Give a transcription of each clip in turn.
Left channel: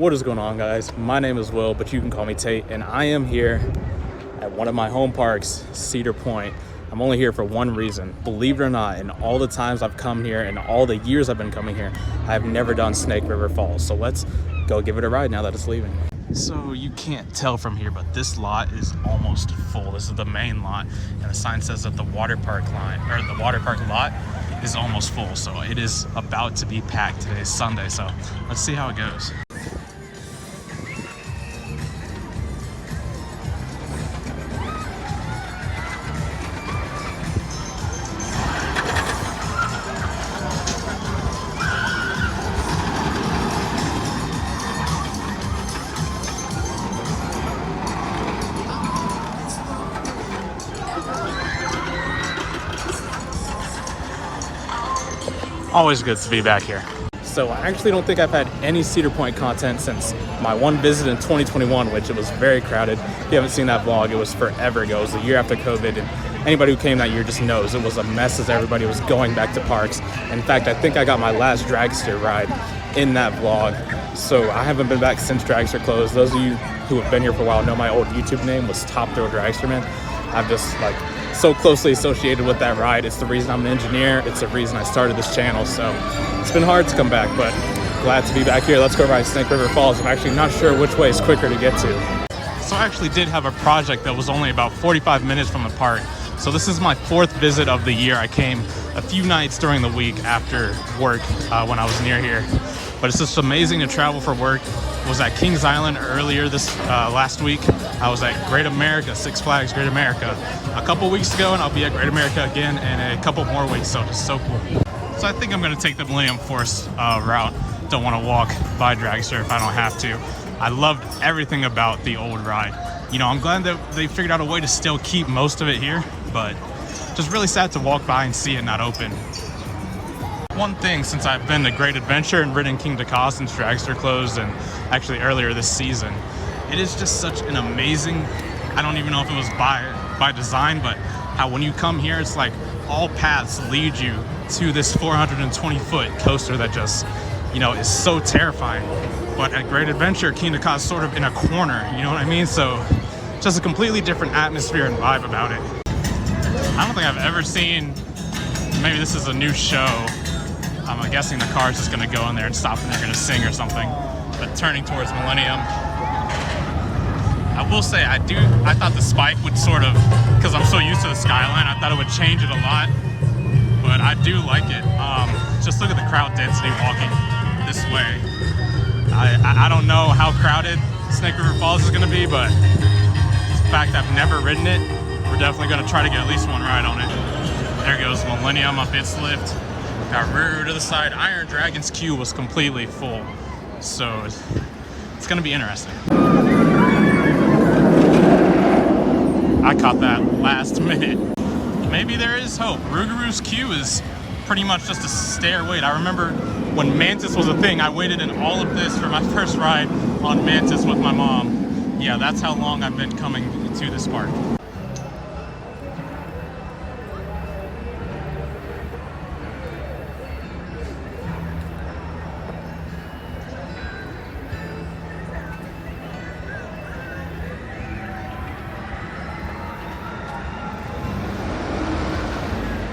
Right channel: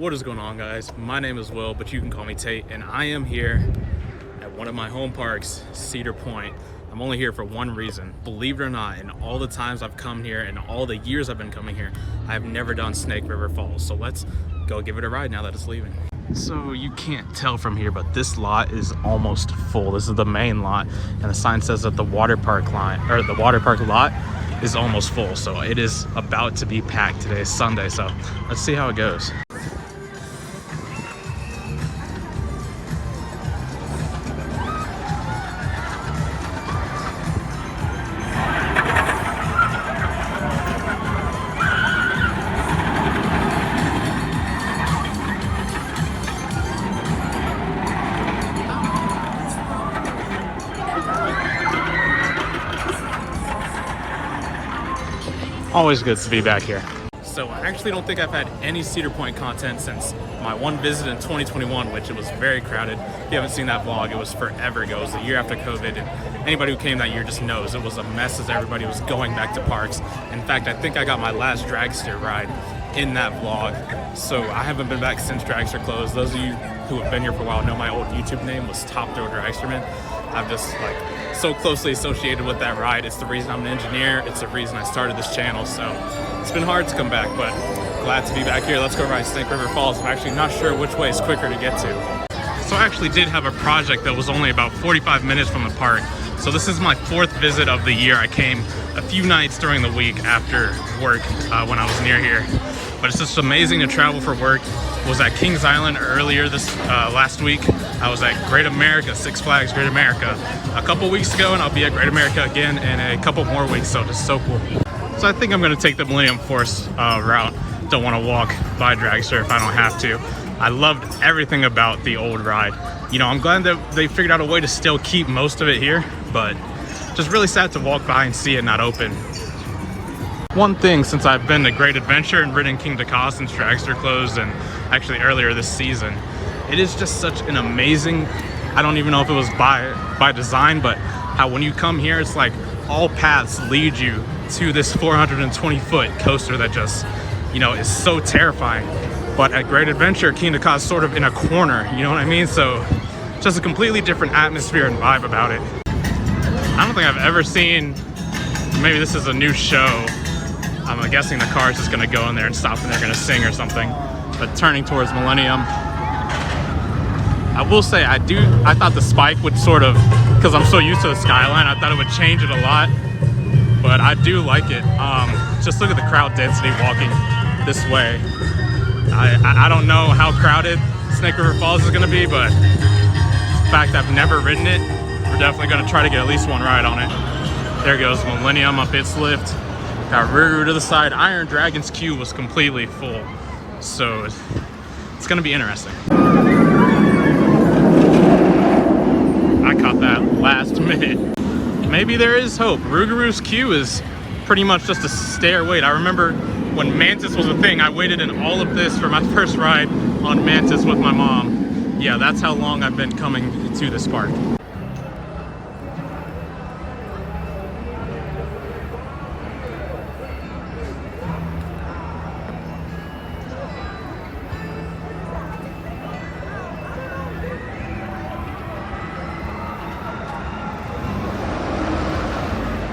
What is going on, guys? My name is Will, but you can call me Tate, and I am here at one of my home parks, Cedar Point. I'm only here for one reason. Believe it or not, in all the times I've come here and all the years I've been coming here, I've never done Snake River Falls. So let's go give it a ride now that it's leaving. So you can't tell from here, but this lot is almost full. This is the main lot, and the sign says that the water park lot is almost full. So it is about to be packed. Today is Sunday, so let's see how it goes. Always good to be back here. So I actually don't think I've had any Cedar Point content since my one visit in 2021, which it was very crowded. If you haven't seen that vlog, it was forever ago. It was the year after COVID, and anybody who came that year just knows it was a mess as everybody was going back to parks. In fact, I think I got my last dragster ride in that vlog. So I haven't been back since dragster closed. Those of you who have been here for a while know my old YouTube name was Top Throw Dragster Man. I've just so closely associated with that ride. It's the reason I'm an engineer. It's the reason I started this channel. So it's been hard to come back, but glad to be back here. Let's go ride Snake River Falls. I'm actually not sure which way is quicker to get to. So I actually did have a project that was only about 45 minutes from the park. So this is my fourth visit of the year. I came a few nights during the week after work when I was near here. But it's just amazing to travel for work. Was at Kings Island earlier this last week. I was at Great America, Six Flags Great America a couple weeks ago, and I'll be at Great America again in a couple more weeks, so just so cool. So I think I'm gonna take the Millennium Force route. Don't wanna walk by Dragster if I don't have to. I loved everything about the old ride. You know, I'm glad that they figured out a way to still keep most of it here, but just really sad to walk by and see it not open. One thing, since I've been to Great Adventure and ridden King Dakar since Dragster closed, and actually earlier this season, it is just such an amazing, I don't even know if it was by design, but how when you come here, it's like all paths lead you to this 420-foot coaster that just, you know, is so terrifying. But at Great Adventure, King Dakar is sort of in a corner, you know what I mean? So just a completely different atmosphere and vibe about it. I don't think I've ever seen, maybe this is a new show, I'm guessing the car's just gonna go in there and stop and they're gonna sing or something. But turning towards Millennium, I will say I thought the spike would sort of, because I'm so used to the Skyline, I thought it would change it a lot. But I do like it. Just look at the crowd density walking this way. I don't know how crowded Snake River Falls is gonna be, but in fact I've never ridden it. We're definitely gonna try to get at least one ride on it. There goes Millennium up its lift. Got Ruru to the side. Iron Dragon's queue was completely full, so it's gonna be interesting. I caught that last minute. Maybe there is hope. Ruguru's queue is pretty much just a stare wait. I remember when Mantis was a thing, I waited in all of this for my first ride on Mantis with my mom. Yeah, that's how long I've been coming to this park.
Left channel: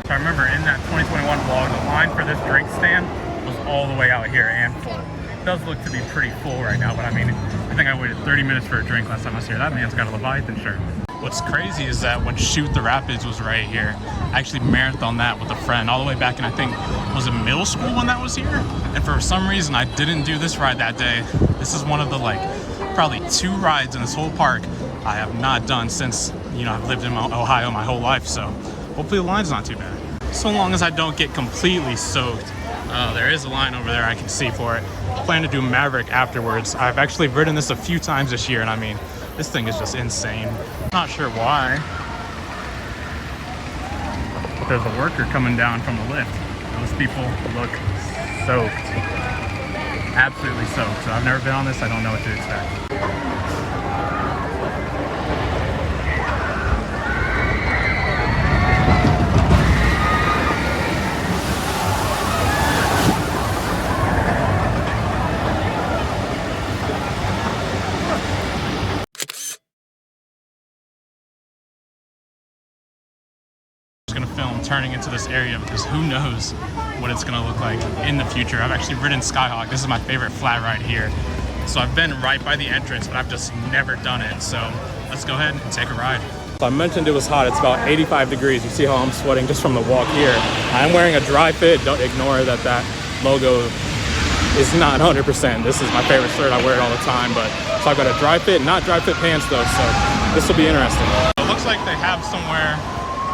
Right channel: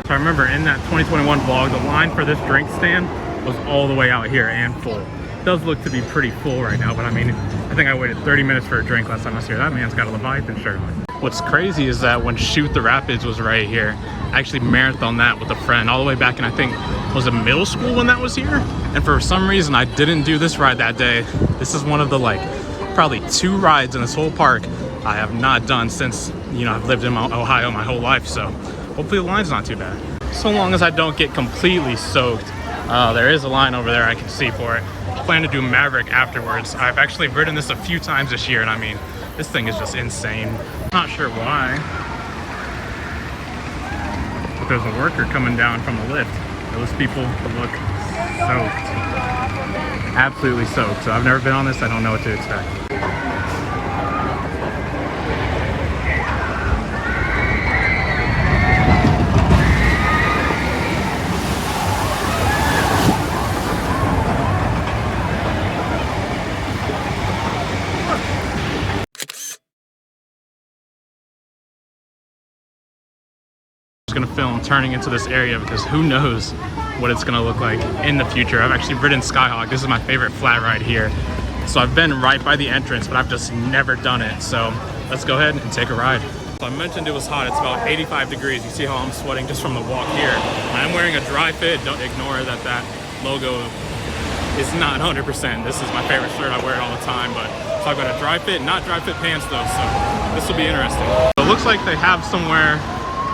I remember in that 2021 vlog, the line for this drink stand was all the way out here and full. It does look to be pretty full right now, but I mean, I think I waited 30 minutes for a drink last time I was here. That man's got a Leviathan shirt. What's crazy is that when Shoot the Rapids was right here, I actually marathoned that with a friend all the way back in, I think, was it middle school when that was here? And for some reason, I didn't do this ride that day. This is one of the probably 2 rides in this whole park I have not done since, you know, I've lived in Ohio my whole life, so hopefully the line's not too bad. So long as I don't get completely soaked. There is a line over there I can see for it. I plan to do Maverick afterwards. I've actually ridden this a few times this year, and I mean, this thing is just insane. Not sure why. But there's a worker coming down from the lift. Those people look soaked. Absolutely soaked. So I've never been on this, I don't know what to expect. gonna film turning into this area because who knows what it's gonna look like in the future. I've actually ridden Skyhawk. This is my favorite flat ride here. So I've been right by the entrance, but I've just never done it. So let's go ahead and take a ride. So I mentioned it was hot. It's about 85 degrees. You see how I'm sweating just from the walk here. I'm wearing a dry fit. Don't ignore that logo is not 100%. This is my favorite shirt. I wear it all the time, but so I've got a dry fit, not dry fit pants though. So this will be interesting. It looks like they have somewhere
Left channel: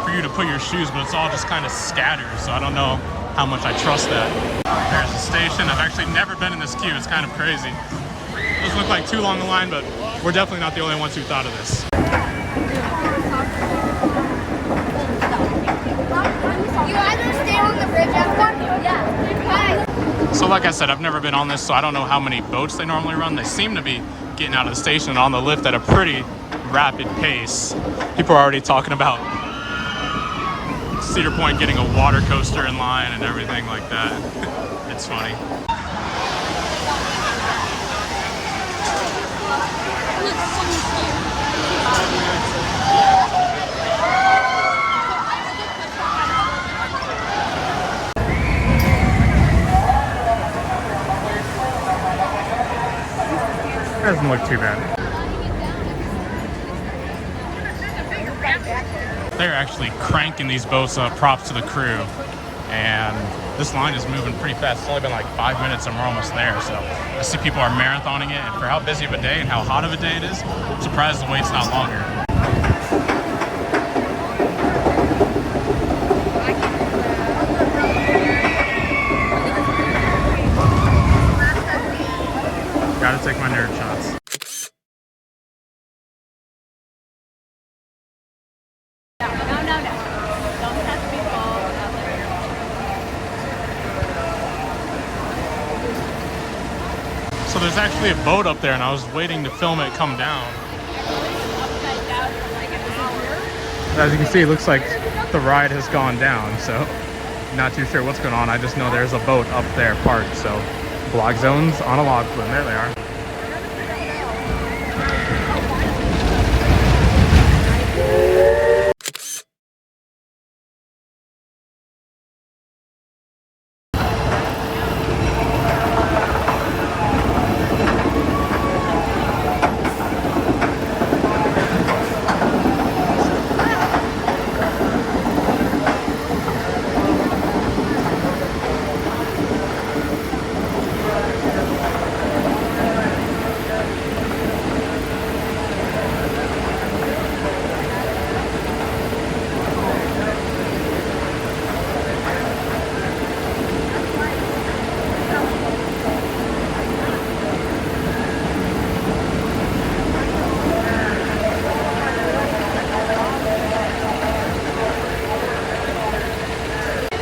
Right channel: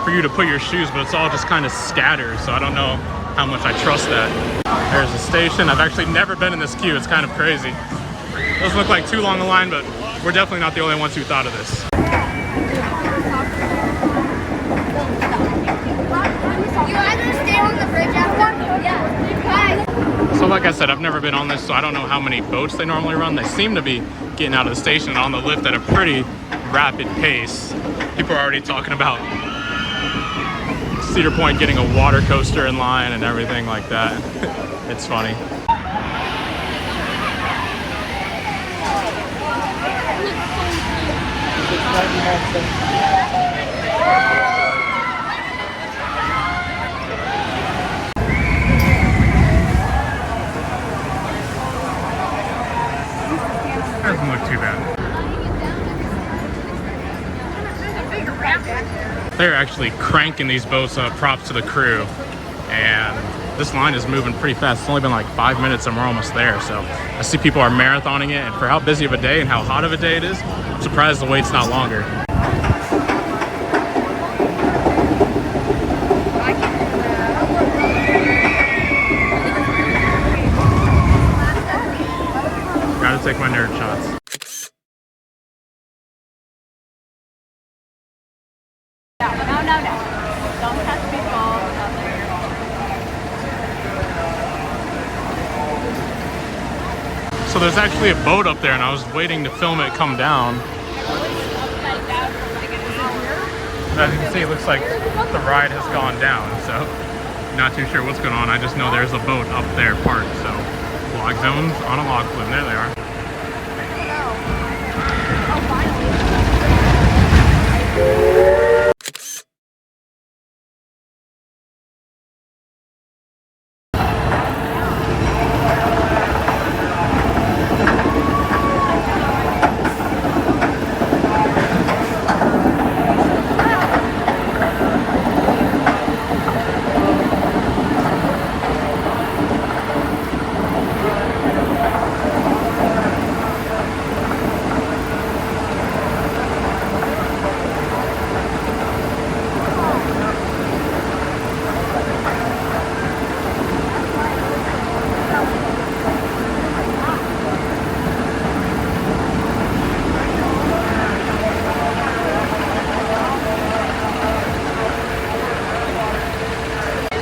for you to put your shoes, but it's all just kind of scattered. So I don't know how much I trust that. There's a station. I've actually never been in this queue. It's kind of crazy. Doesn't look like too long a line, but we're definitely not the only ones who thought of this. You either stay on the bridge after, yeah. So like I said, I've never been on this, so I don't know how many boats they normally run. They seem to be getting out of the station on the lift at a pretty rapid pace. People are already talking about Cedar Point getting a water coaster in line and everything like that. It's funny. Doesn't look too bad. They're actually cranking these boats up, props to the crew. And this line is moving pretty fast. It's only been like 5 minutes and we're almost there. So I see people are marathoning it, and for how busy of a day and how hot of a day it is, I'm surprised the wait's not longer. Gotta take my nerd shots. No. Don't touch people. So there's actually a boat up there, and I was waiting to film it come down. As you can see, it looks like the ride has gone down, so not too sure what's going on. I just know there's a boat up there parked, so block zones on a log flume. There they are.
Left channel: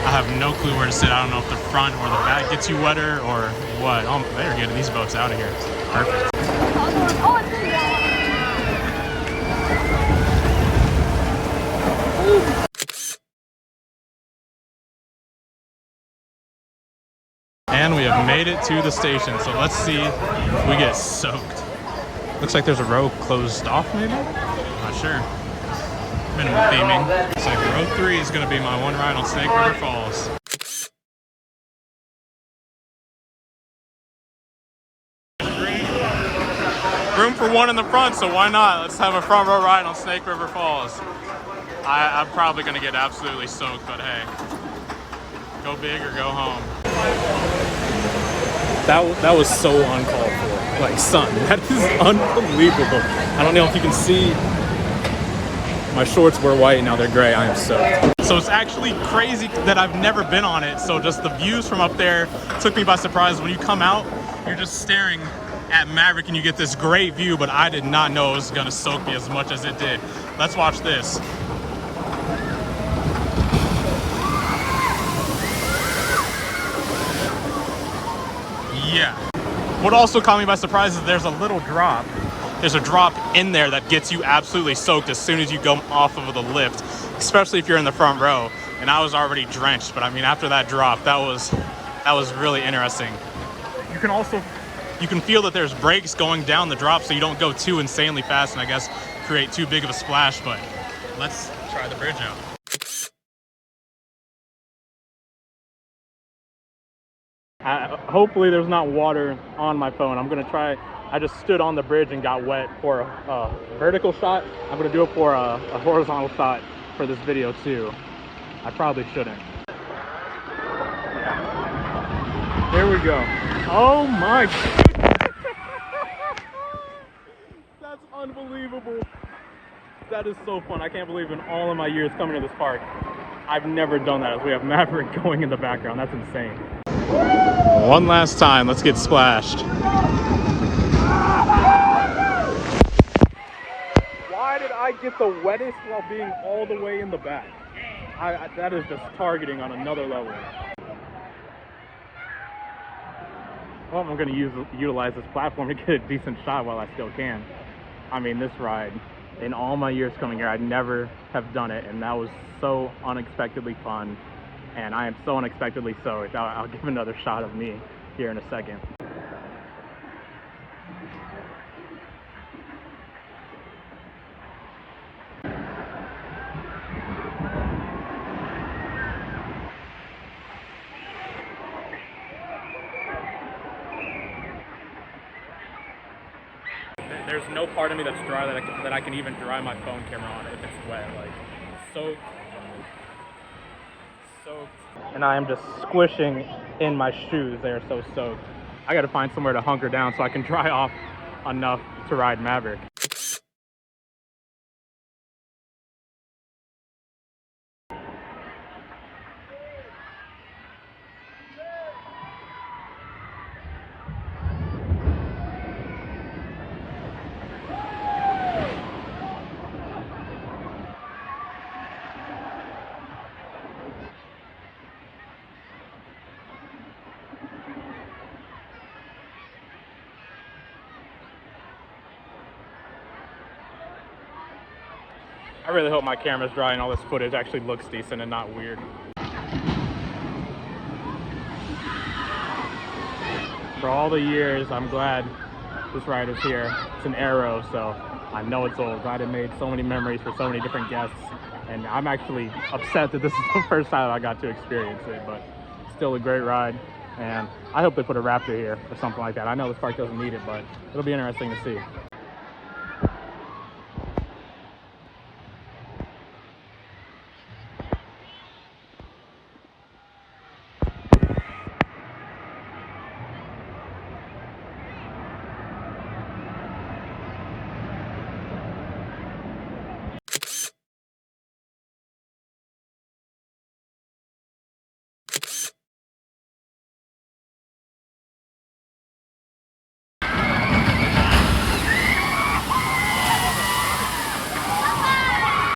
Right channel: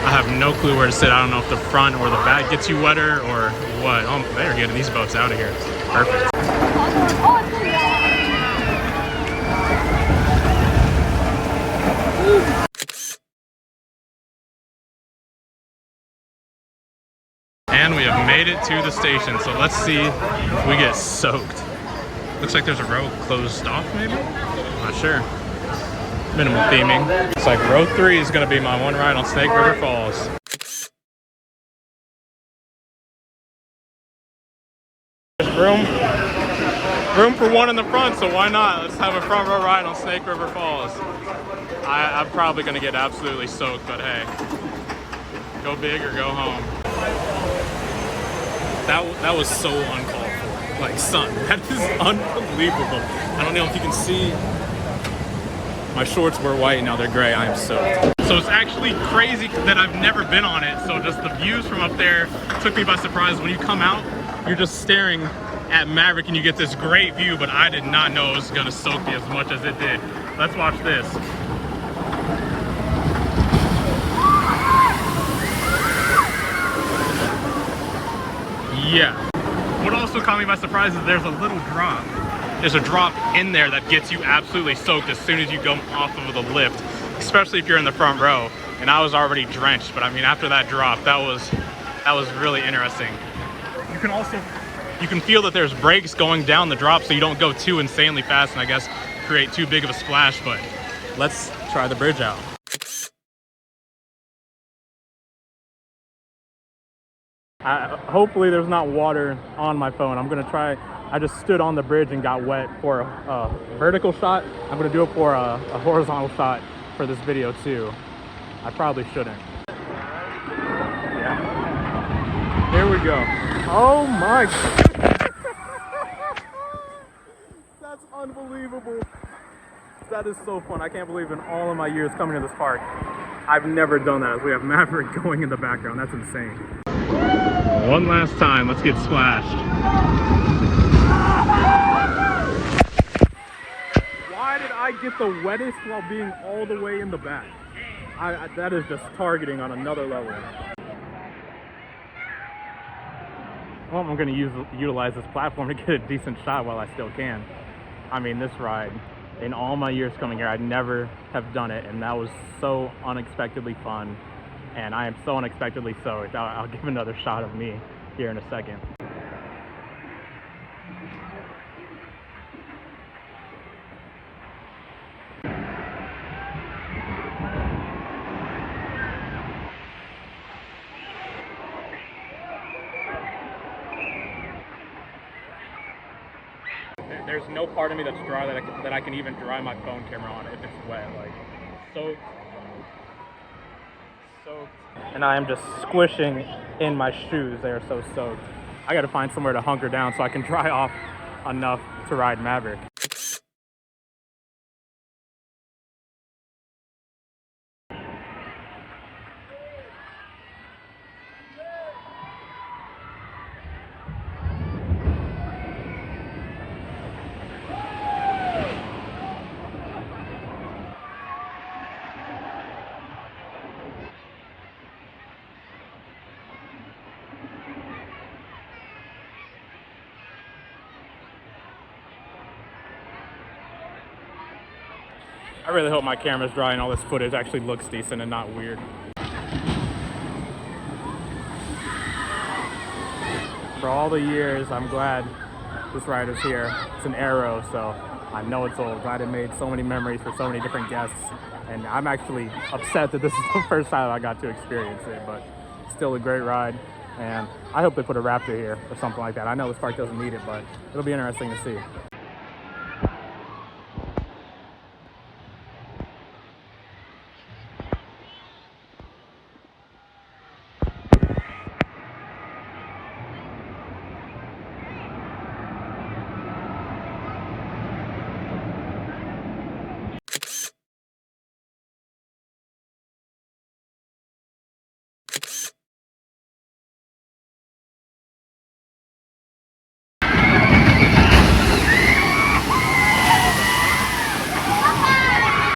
I have no clue where to sit. I don't know if the front or the back gets you wetter or what. Oh, they're getting these boats out of here. Perfect. And we have made it to the station. So let's see if we get soaked. Looks like there's a row closed off maybe? Not sure. Minimal theming. It's like row 3 is gonna be my one ride on Snake River Falls. Room for one in the front, so why not? Let's have a front row ride on Snake River Falls. I'm probably gonna get absolutely soaked, but hey, go big or go home. That was so uncalled for. Like, son, that is unbelievable. I don't know if you can see. My shorts were white, now they're gray. I am soaked. So it's actually crazy that I've never been on it. So just the views from up there took me by surprise. When you come out, you're just staring at Maverick and you get this great view, but I did not know it was gonna soak me as much as it did. Let's watch this. Yeah. What also caught me by surprise is there's a little drop. There's a drop in there that gets you absolutely soaked as soon as you go off of the lift, especially if you're in the front row. And I was already drenched, but I mean, after that drop, that was really interesting. You can feel that there's brakes going down the drop, so you don't go too insanely fast and I guess create too big of a splash, but let's try the bridge out. Hopefully there's not water on my phone. I'm gonna try. I just stood on the bridge and got wet for a vertical shot. I'm gonna do it for a horizontal shot for this video too. I probably shouldn't. Yeah. Here we go. Oh my God. That's unbelievable. That is so fun. I can't believe in all of my years coming to this park, I've never done that. We have Maverick going in the background. That's insane. One last time, let's get splashed. Why did I get the wettest while being all the way in the back? That is just targeting on another level. Well, I'm going to utilize this platform to get a decent shot while I still can. I mean, this ride, in all my years coming here, I'd never have done it, and that was so unexpectedly fun. And I am so unexpectedly soaked. I'll give another shot of me here in a second. There's no part of me that's dry that I can even dry my phone camera on it if it's wet. Like, soaked. And I am just squishing in my shoes. They are so soaked. I gotta find somewhere to hunker down so I can dry off enough to ride Maverick. I really hope my camera's dry and all this footage actually looks decent and not weird. For all the years, I'm glad this ride is here. It's an Arrow, so I know it's old. Glad it made so many memories for so many different guests. And I'm actually upset that this is the first time I got to experience it, but still a great ride. And I hope they put a Raptor here or something like that. I know this park doesn't need it, but it'll be interesting to see.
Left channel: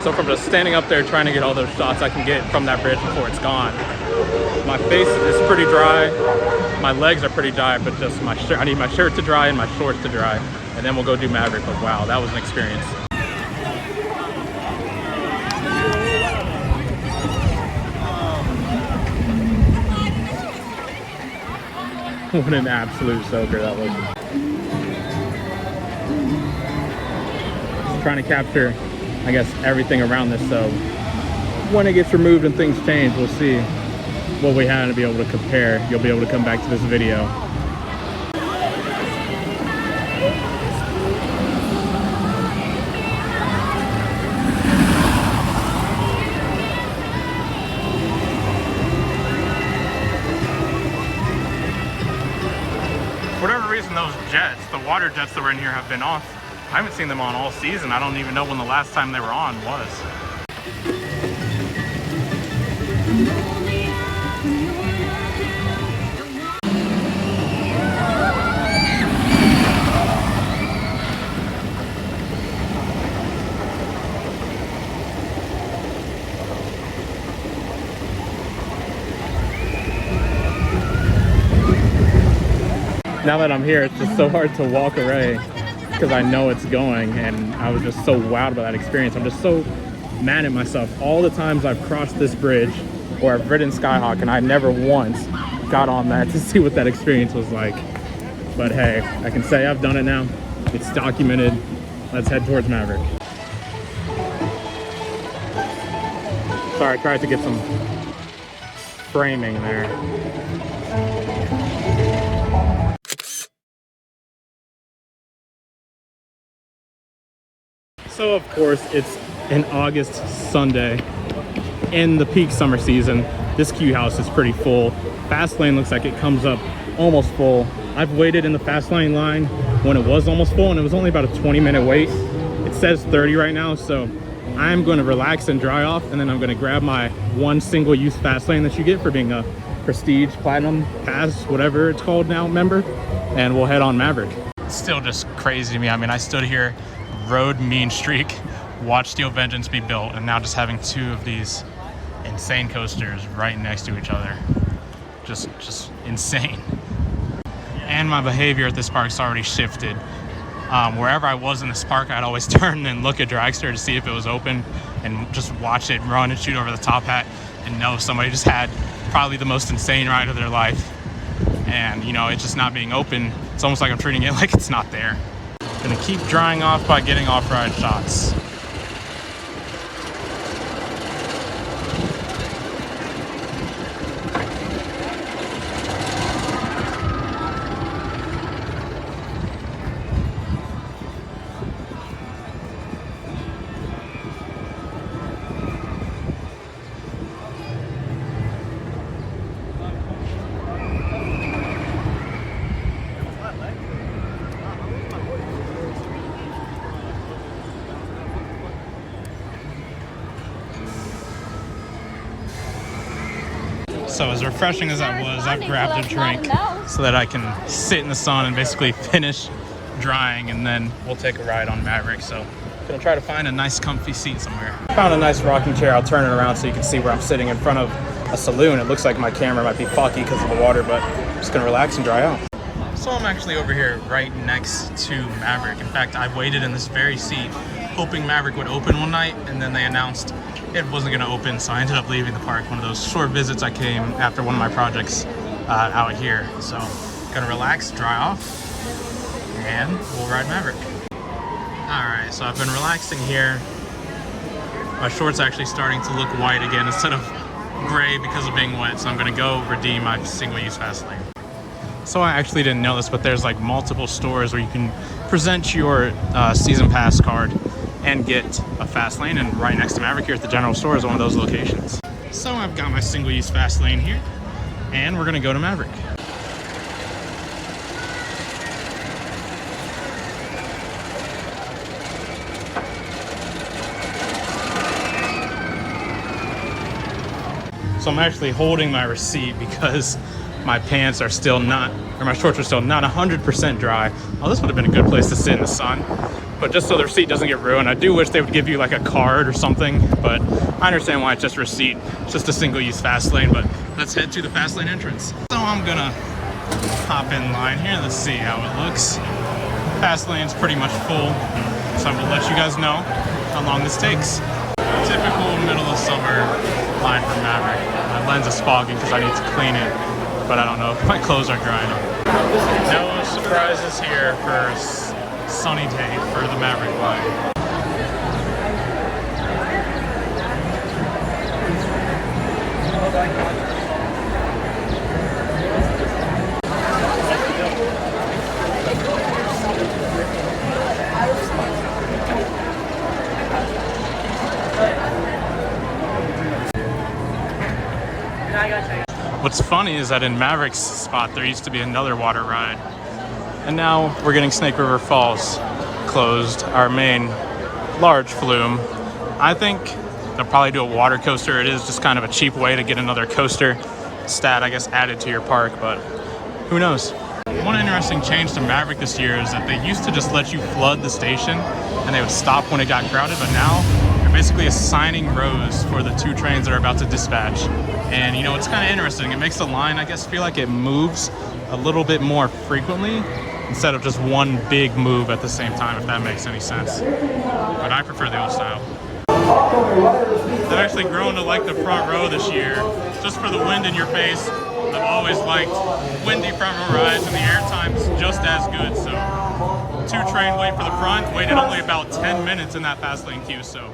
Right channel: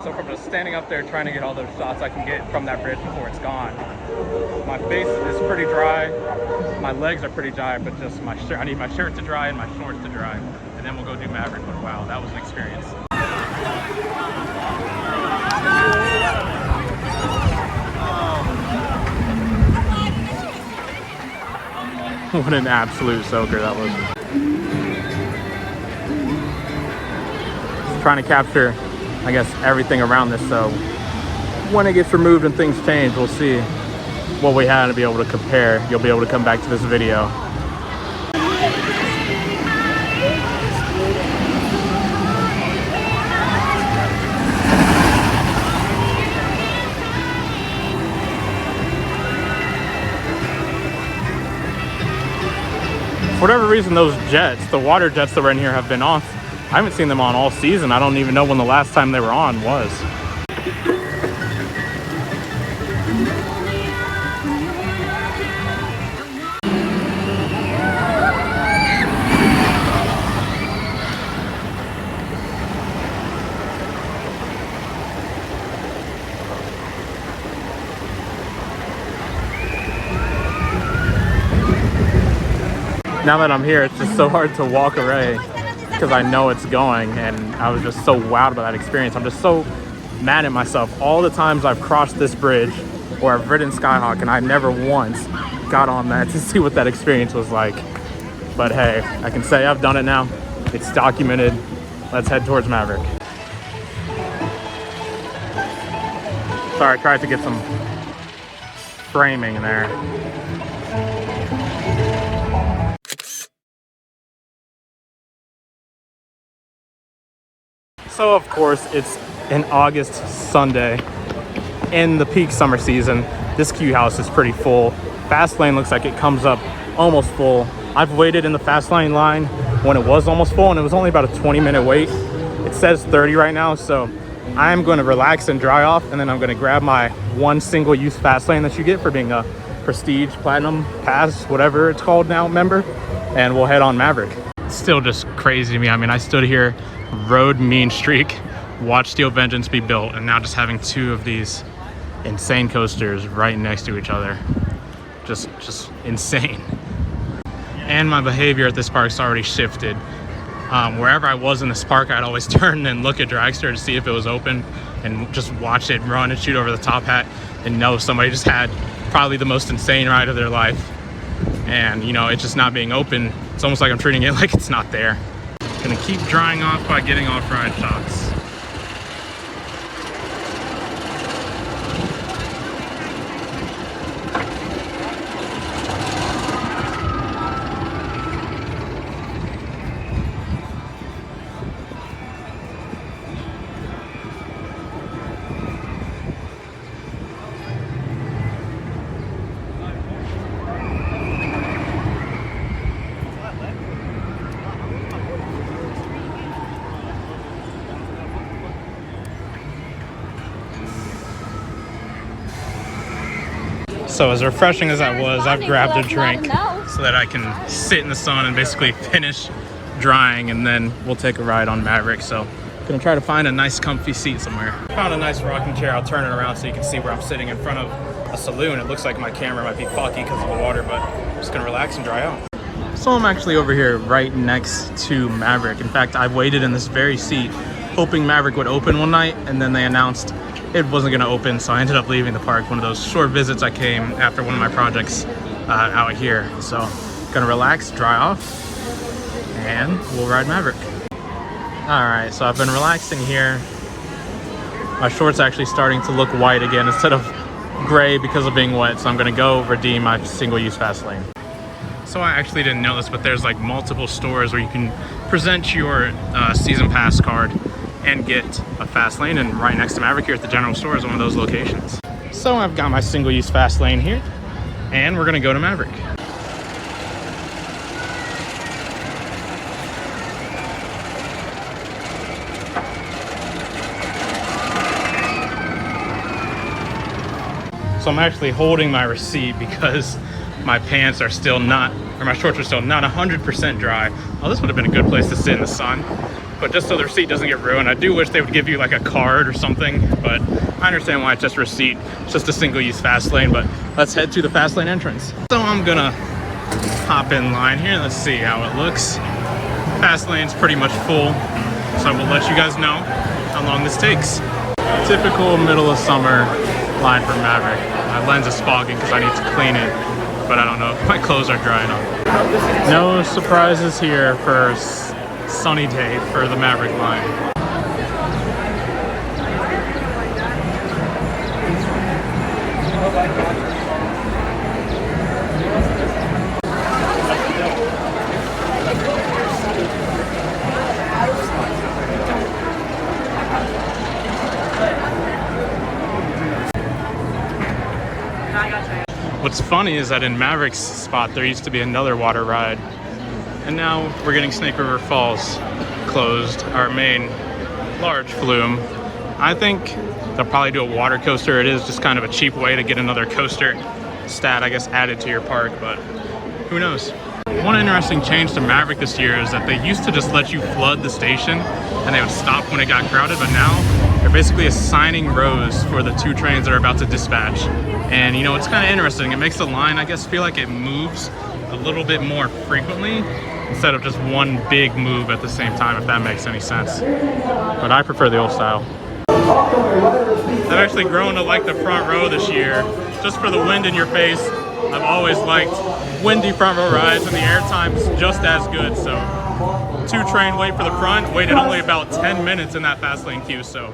So from just standing up there trying to get all those shots I can get from that bridge before it's gone, my face is pretty dry, my legs are pretty dry, but just my shirt, I need my shirt to dry and my shorts to dry, and then we'll go do Maverick. But wow, that was an experience. What an absolute soaker that was. Just trying to capture, I guess, everything around this, so when it gets removed and things change, we'll see what we had to be able to compare. You'll be able to come back to this video. For whatever reason, those jets, the water jets that were in here, have been off. I haven't seen them on all season. I don't even know when the last time they were on was. Now that I'm here, it's just so hard to walk away because I know it's going, and I was just so wowed by that experience. I'm just so mad at myself. All the times I've crossed this bridge or I've ridden Skyhawk, and I never once got on that to see what that experience was like. But hey, I can say I've done it now. It's documented. Let's head towards Maverick. Sorry, I tried to get some framing there. So of course it's an August Sunday in the peak summer season. This queue house is pretty full. Fast lane looks like it comes up almost full. I've waited in the fast lane line when it was almost full, and it was only about a 20-minute wait. It says 30 right now, so I'm going to relax and dry off, and then I'm going to grab my one single-use fast lane that you get for being a Prestige, Platinum, Pass, whatever it's called now, member, and we'll head on Maverick. It's still just crazy to me. I mean, I stood here, rode Mean Streak, watched Steel Vengeance be built, and now just having two of these insane coasters right next to each other. Just insane. And my behavior at this park's already shifted. Wherever I was in this park, I'd always turn and look at Dragster to see if it was open and just watch it run and shoot over the top hat and know somebody just had probably the most insane ride of their life. And you know, it just not being open, it's almost like I'm treating it like it's not there. Gonna keep drying off by getting off-ride shots. So as refreshing as that was, I've grabbed a drink so that I can sit in the sun and basically finish drying, and then we'll take a ride on Maverick. So I'm gonna try to find a nice comfy seat somewhere. Found a nice rocking chair. I'll turn it around so you can see where I'm sitting in front of a saloon. It looks like my camera might be foggy because of the water, but I'm just gonna relax and dry out. So I'm actually over here right next to Maverick. In fact, I've waited in this very seat hoping Maverick would open one night, and then they announced it wasn't going to open, so I ended up leaving the park. One of those short visits I came after one of my projects out here. So gonna relax, dry off, and we'll ride Maverick. All right, so I've been relaxing here. My shorts actually starting to look white again instead of gray because of being wet, so I'm gonna go redeem my single-use fast lane. So I actually didn't know this, but there's like multiple stores where you can present your season pass card and get a fast lane, and right next to Maverick here at the general store is one of those locations. So I've got my single-use fast lane here, and we're gonna go to Maverick. So I'm actually holding my receipt because my pants are still not, or my shorts are still not 100% dry. Oh, this would have been a good place to sit in the sun. But just so the receipt doesn't get ruined, I do wish they would give you like a card or something, but I understand why it's just a receipt. It's just a single-use fast lane, but let's head to the fast lane entrance. So I'm gonna hop in line here. Let's see how it looks. Fast lane's pretty much full, so I will let you guys know how long this takes. Typical middle of summer line for Maverick. My lens is fogging because I need to clean it, but I don't know if my clothes are dry enough. No surprises here for sunny day for the Maverick line. What's funny is that in Maverick's spot there used to be another water ride, and now we're getting Snake River Falls closed, our main large flume. I think they'll probably do a water coaster. It is just kind of a cheap way to get another coaster stat, I guess, added to your park, but who knows. One interesting change to Maverick this year is that they used to just let you flood the station and they would stop when it got crowded, but now they're basically assigning rows for the two trains that are about to dispatch. And you know, it's kind of interesting. It makes the line, I guess, feel like it moves a little bit more frequently instead of just one big move at the same time, if that makes any sense. But I prefer the old style. I've actually grown to like the front row this year, just for the wind in your face. I've always liked windy front row rides, and the airtime's just as good. So 2-train wait for the front, waited only about 10 minutes in that fast lane queue, so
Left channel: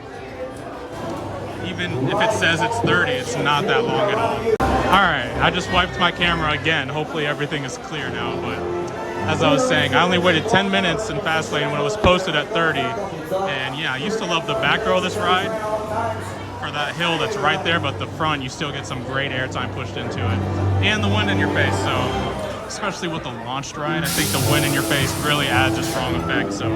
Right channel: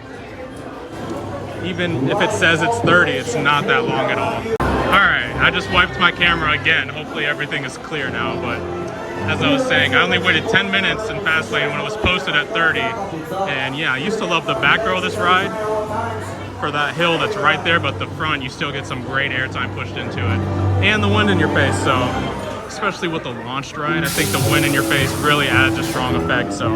even if it says it's 30, it's not that long at all. All right, I just wiped my camera again. Hopefully everything is clear now, but as I was saying, I only waited 10 minutes in fast lane when it was posted at 30. And yeah, I used to love the back row of this ride for that hill that's right there, but the front, you still get some great airtime pushed into it. And the wind in your face, so especially with the launched ride, I think the wind in your face really adds a strong effect. So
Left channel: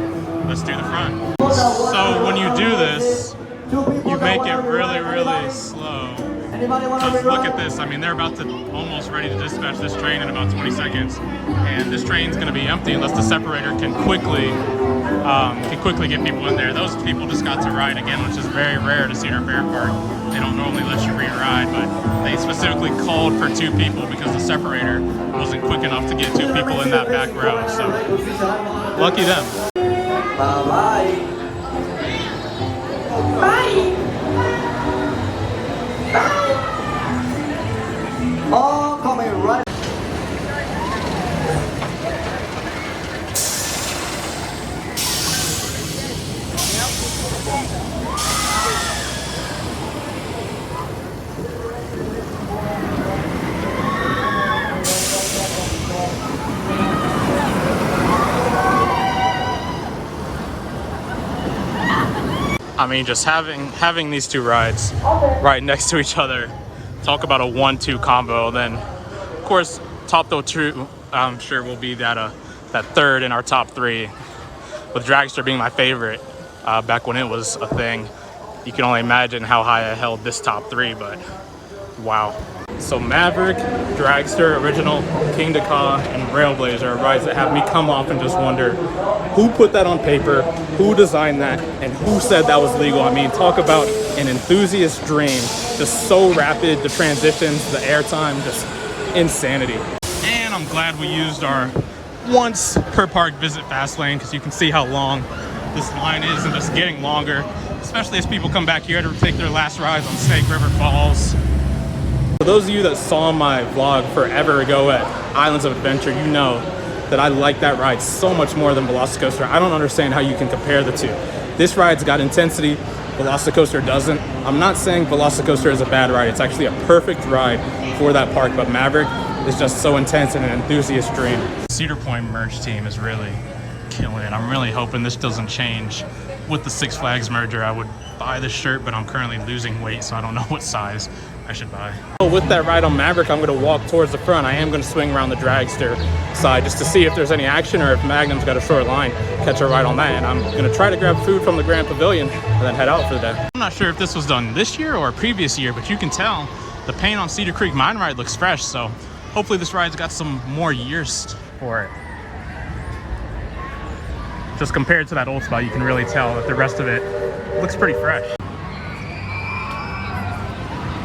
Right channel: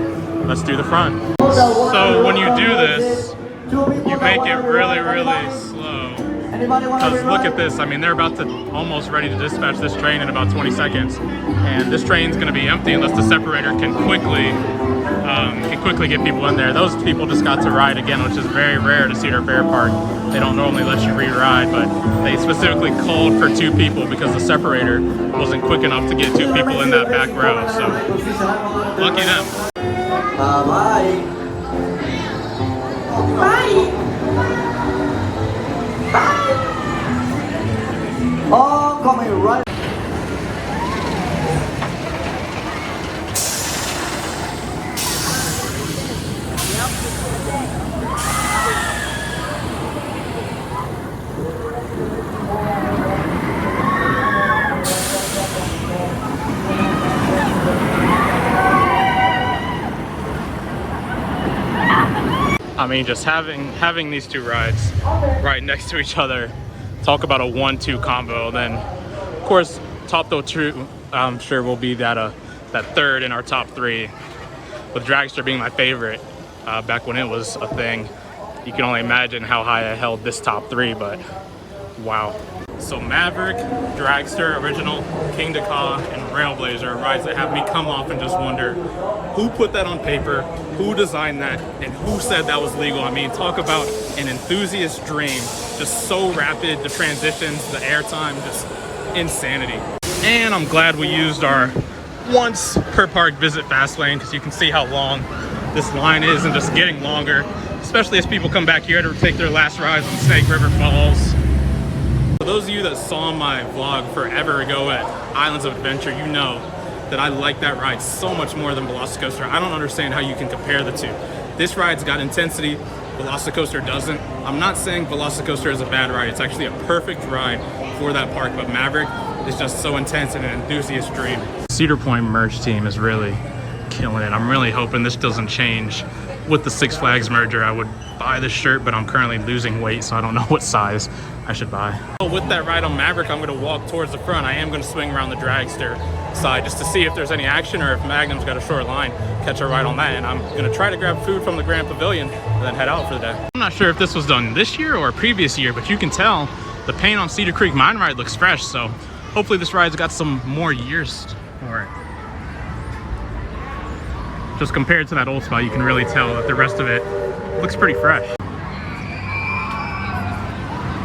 let's do the front. So when you do this, you make it really, really slow. Because look at this, I mean, they're about to almost ready to dispatch this train in about 20 seconds. And this train's gonna be empty unless the separator can quickly get people in there. Those people just got to ride again, which is very rare to Cedar Fair Park. They don't normally let you re-ride, but they specifically called for 2 people because the separator wasn't quick enough to get 2 people in that back row. So, lucky them. Bye. Oh, coming right. I mean, just having these 2 rides right next to each other, talk about a 1-2 combo. Then, of course, top though 2, I'm sure will be that third in our top 3. With Dragster being my favorite back when it was a thing. You can only imagine how high I held this top 3, but wow. So Maverick, Dragster, Original, King Dakar, and Railblazer are rides that have me come off and just wonder who put that on paper, who designed that, and who said that was legal. I mean, talk about an enthusiast dream. Just so rapid, the transitions, the airtime, just insanity. And I'm glad we used our once per park visit fast lane, because you can see how long this line is and just getting longer, especially as people come back here to take their last rides on Snake River Falls. For those of you that saw my vlog forever ago at Islands of Adventure, you know that I like that ride so much more than Velocicoaster. I don't understand how you can compare the 2. This ride's got intensity, Velocicoaster doesn't. I'm not saying Velocicoaster is a bad ride. It's actually a perfect ride for that park, but Maverick is just so intense and an enthusiast dream. Cedar Point merch team is really killing it. I'm really hoping this doesn't change with the Six Flags merger. I would buy this shirt, but I'm currently losing weight, so I don't know what size I should buy. So with that ride on Maverick, I'm gonna walk towards the front. I am gonna swing around the Dragster side just to see if there's any action or if Magnum's got a short line, catch a ride on that. And I'm gonna try to grab food from the Grand Pavilion and then head out for the day. I'm not sure if this was done this year or a previous year, but you can tell the paint on Cedar Creek Mine Ride looks fresh. So hopefully this ride's got some more years for it. Just compared to that old spot, you can really tell that the rest of it looks pretty fresh.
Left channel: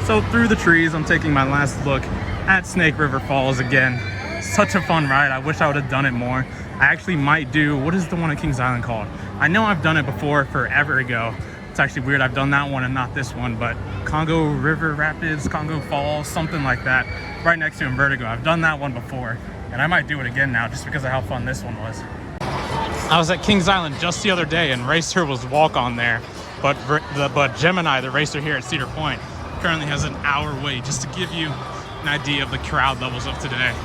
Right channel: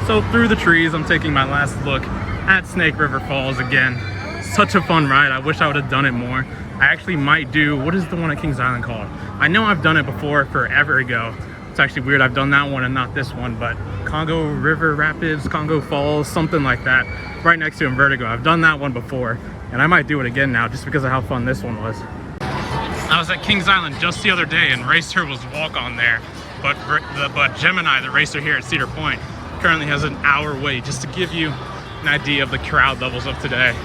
So through the trees, I'm taking my last look at Snake River Falls again. Such a fun ride. I wish I would have done it more. I actually might do, what is the one at Kings Island called? I know I've done it before forever ago. It's actually weird I've done that one and not this one, but Congo River Rapids, Congo Falls, something like that, right next to Vertigo. I've done that one before, and I might do it again now just because of how fun this one was. I was at Kings Island just the other day and Racer was walk on there, but Gemini, the racer here at Cedar Point, currently has an hour wait, just to give you an idea of the crowd levels of today.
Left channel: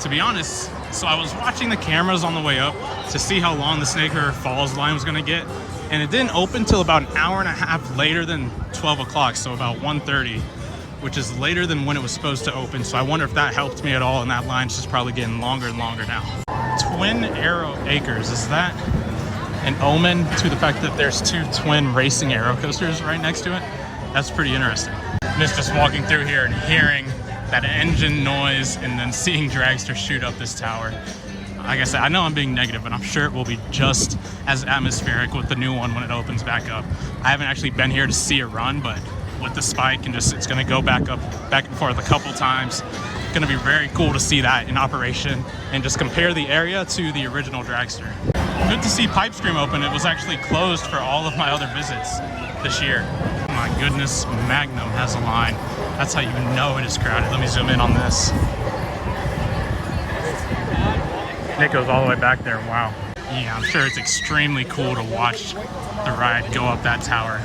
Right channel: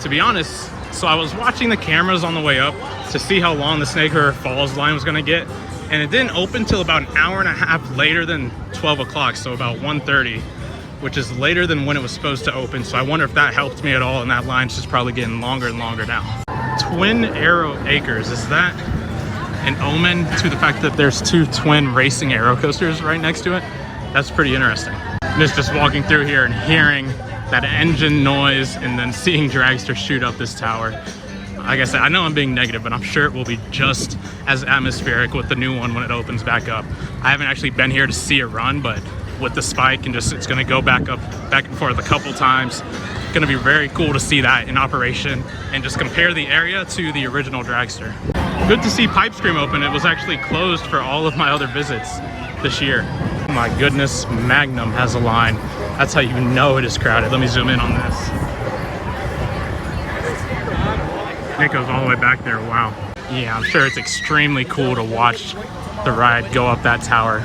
To be honest, so I was watching the cameras on the way up to see how long the Snake River Falls line was gonna get, and it didn't open till about an hour and a half later than 12 o'clock, so about 1:30, which is later than when it was supposed to open. So I wonder if that helped me at all, and that line's just probably getting longer and longer now. Twin Arrow Acres, is that an omen to the fact that there's 2 twin racing aero coasters right next to it? That's pretty interesting. And it's just walking through here and hearing that engine noise and then seeing Dragster shoot up this tower. Like I said, I know I'm being negative, but I'm sure it will be just as atmospheric with the new one when it opens back up. I haven't actually been here to see it run, but with the spike and just, it's gonna go back and forth a couple times. It's gonna be very cool to see that in operation and just compare the area to the original Dragster. Good to see Pipe Scream open. It was actually closed for all of my other visits this year. Oh my goodness, Magnum has a line. That's how you know it is crowded. Let me zoom in on this. It goes all the way back there, wow. Yeah, I'm sure it's extremely cool to watch the ride go up that tower.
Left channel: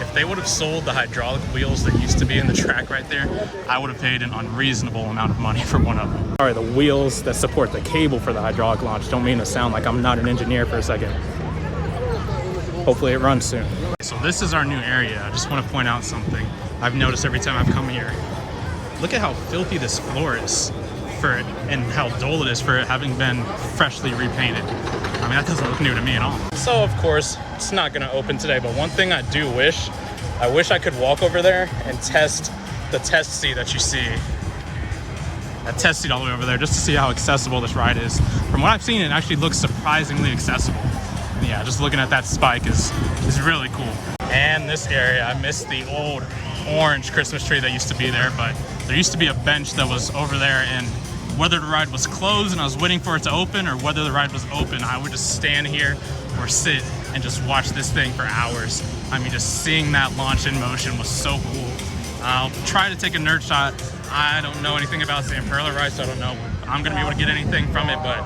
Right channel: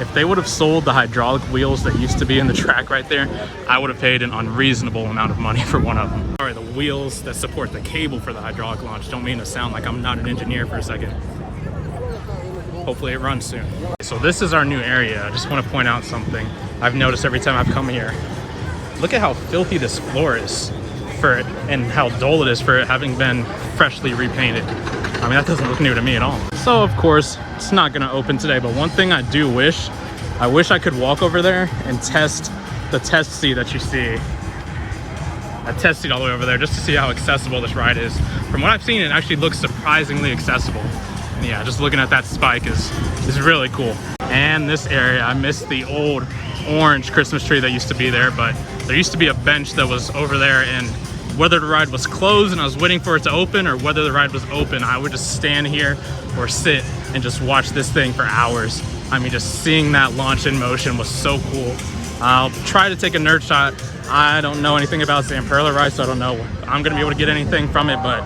If they would have sold the hydraulic wheels that used to be in the track right there, I would have paid an unreasonable amount of money for one of them. All right, the wheels that support the cable for the hydraulic launch. Don't mean to sound like I'm not an engineer for a second. Hopefully it runs soon. So this is our new area. I just want to point out something I've noticed every time I've come here. Look at how filthy this floor is for it and how dull it is for it having been freshly repainted. I mean, that doesn't look new to me at all. So of course, it's not gonna open today, but one thing I do wish, I could walk over there and test the test seat that you see. A test seat all the way over there just to see how accessible this ride is. From what I've seen, it actually looks surprisingly accessible. And yeah, just looking at that spike is really cool. And this area, I miss the old orange Christmas tree that used to be there, but there used to be a bench that was over there, and whether the ride was closed and I was waiting for it to open or whether the ride was open, I would just stand here or sit and just watch this thing for hours. I mean, just seeing that launch in motion was so cool. I'll try to take a nerd shot. I don't know anything about the Imperla ride, so I don't know if I'm gonna be able to get anything from it, but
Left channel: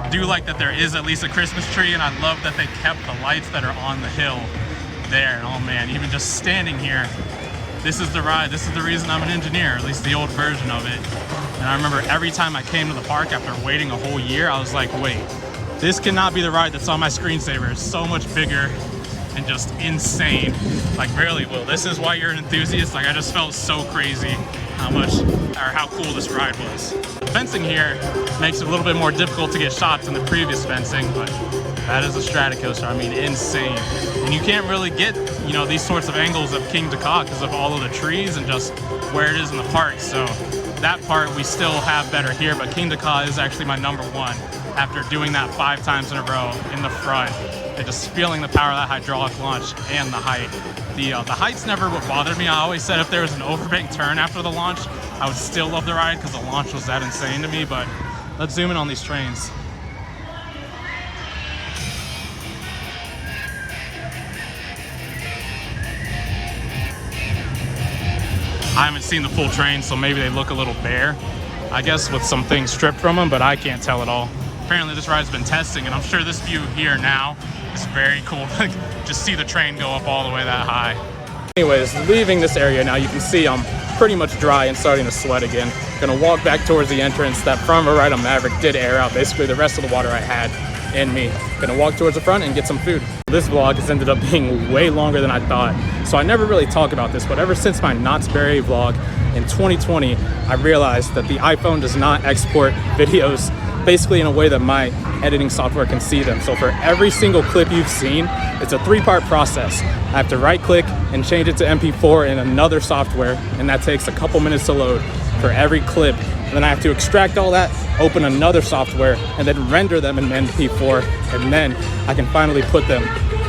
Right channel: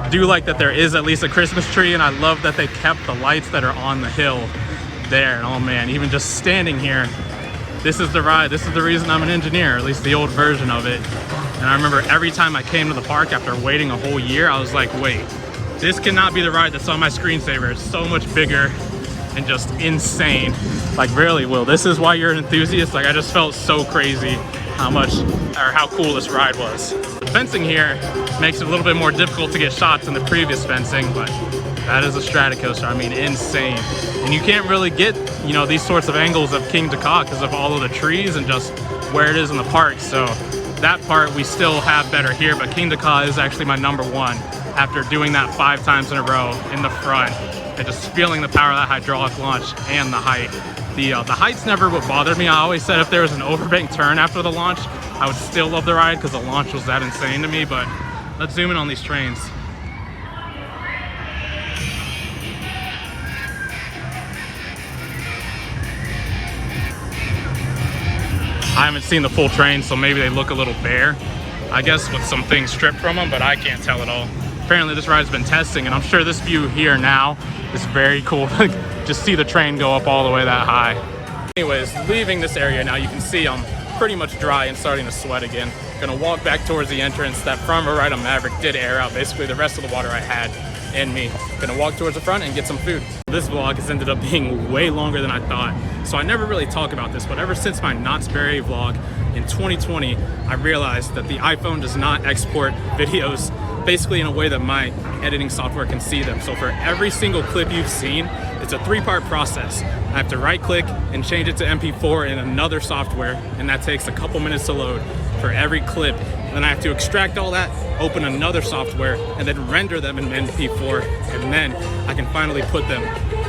I do like that there is at least a Christmas tree, and I love that they kept the lights that are on the hill there. And oh man, even just standing here, this is the ride. This is the reason I'm an engineer, at least the old version of it. And I remember every time I came to the park after waiting a whole year, I was like, wait, this cannot be the ride that's on my screensaver. It's so much bigger and just insane. Like, really, Will, this is why you're an enthusiast? Like, I just felt so crazy how cool this ride was. The fencing here makes it a little bit more difficult to get shots than the previous fencing, but that is a Stratocoaster. I mean, insane. And you can't really get, you know, these sorts of angles of King Dakar because of all of the trees and just where it is in the park. So that part we still have better here, but King Dakar is actually my number one after doing that 5 times in a row in the front and just feeling the power of that hydraulic launch and the height. The height's never what bothered me. I always said if there was an overbanked turn after the launch, I would still love the ride because the launch was that insane to me. But let's zoom in on these trains. I haven't seen the full train, so maybe they look a little bare, I guess, with some things stripped from them, but I can't tell at all. Apparently this ride's been testing, and I'm sure this view here now is very cool. Just see the train go up all the way that high. Anyways, leaving this area now, you can see I'm pretty much dry and starting to sweat again. Gonna walk back towards the entrance. That front ride on Maverick did air out basically the rest of the water I had in me. Gonna walk towards the front and get some food. This vlog has ended up being way longer than I thought, so I never really talk about this, but ever since my Knott's Berry vlog in 2020, I realized that the iPhone does not export videos basically in a way that my editing software can see them. So for every single clip you've seen, it's a 3-part process. I have to right click and change it to MP4 in another software, and that takes a couple minutes to load for every clip. Then I have to extract all that, open another software, and then render them in MP4, and then I can finally put them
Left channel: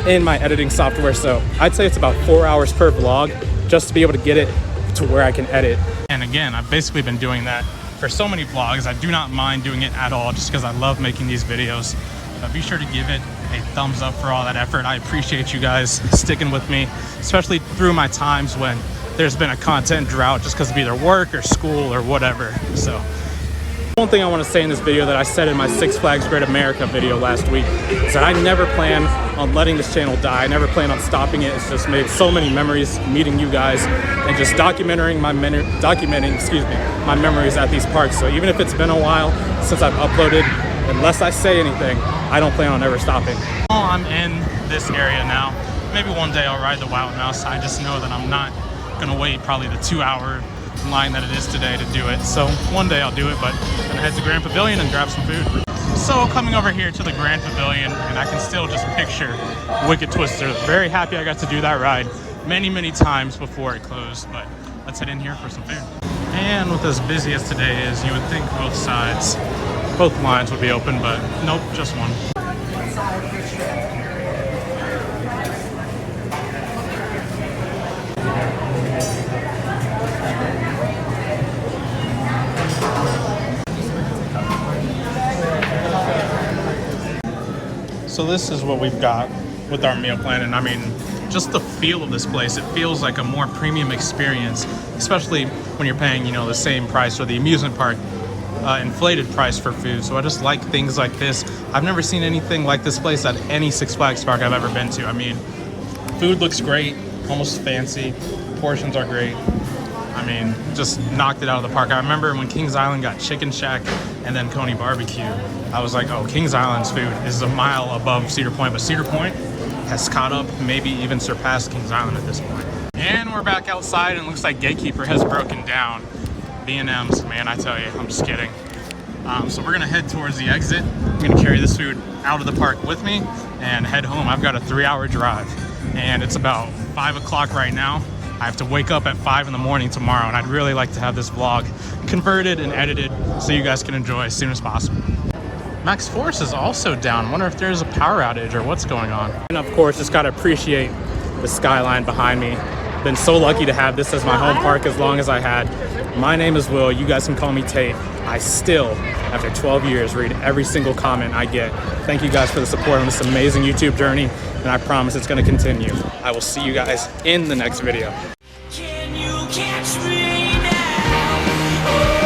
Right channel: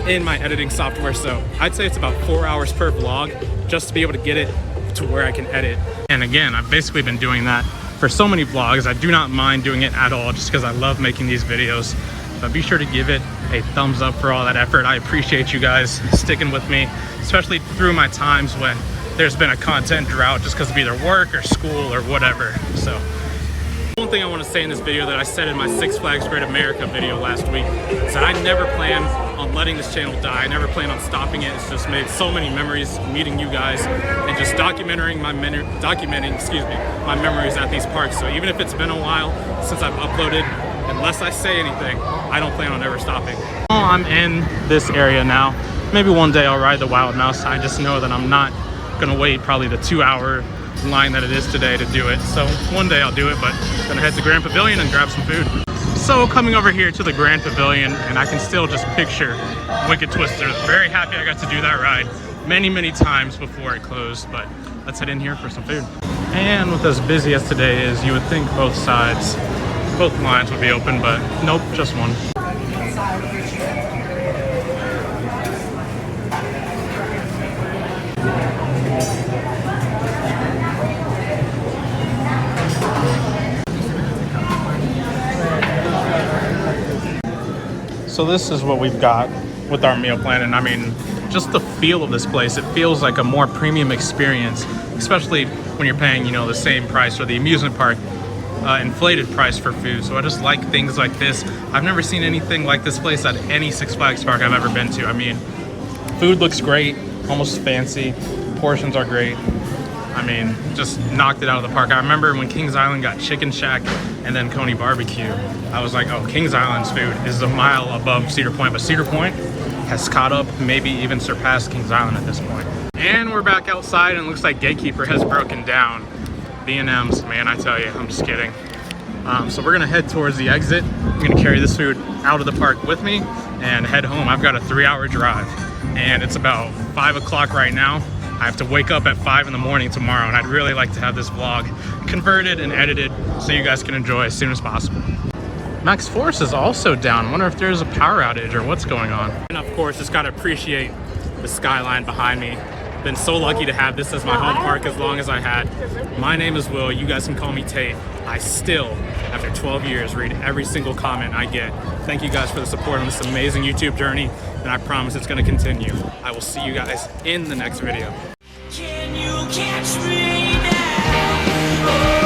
in my editing software. So I'd say it's about 4 hours per vlog just to be able to get it to where I can edit. And again, I've basically been doing that for so many vlogs. I do not mind doing it at all just because I love making these videos. But be sure to give it a thumbs up for all that effort. I appreciate you guys sticking with me, especially through my times when there's been a content drought just because of either work or school or whatever. So one thing I want to say in this video that I said in my Six Flags Great America video last week is that I never plan on letting this channel die. I never plan on stopping it. It's just made so many memories meeting you guys and just documenting my memories at these parks. So even if it's been a while since I've uploaded, unless I say anything, I don't plan on ever stopping. I'm in this area now. Maybe one day I'll ride the Wild Mouse. I just know that I'm not gonna wait probably the 2-hour line that it is today to do it. So one day I'll do it, but I'm gonna head to Grand Pavilion and grab some food. So coming over here to the Grand Pavilion, and I can still just picture Wicked Twister. Very happy I got to do that ride many times before it closed, but let's head in here for some food. And with as busy as today is, you would think both lines would be open, but nope, just one. So this is what we've got with our meal plan, and I mean, just the feel of this place, it feels like a more premium experience, especially when you're paying, you know, the same price or the amusement park inflated price for food. So I just like things like this. I've never seen anything like this place at any Six Flags park I've ever been to. I mean, Food looks great, almost fancy. Portions are great. I mean, just knocked it out of the park. I remember when Kings Island got Chicken Shack and then Coney Barbecue, I was like, oh, Kings Island's food is a mile above Cedar Point, but Cedar Point has caught up, maybe even surpassed Kings Island at this point. And we're back outside and it looks like Gatekeeper has broken down. B&M's, man, I tell you, I'm just kidding. So we're gonna head towards the exit. I'm gonna carry this food out of the park with me and head home. I've got a 3-hour drive and it's about 5 o'clock right now. I have to wake up at 5 in the morning tomorrow, and I'd really like to have this vlog converted and edited so you guys can enjoy as soon as possible. Max Force is also down. I wonder if there's a power outage or what's going on. And of course, just gotta appreciate the skyline behind me. Been so lucky to have this as my home park as long as I had. My name is Will. You guys can call me Tate. I still, after 12 years, read every single comment I get. Thank you guys for the support on this amazing YouTube journey, and I promise it's gonna continue. I will see you guys in the next video. Can you catch me now?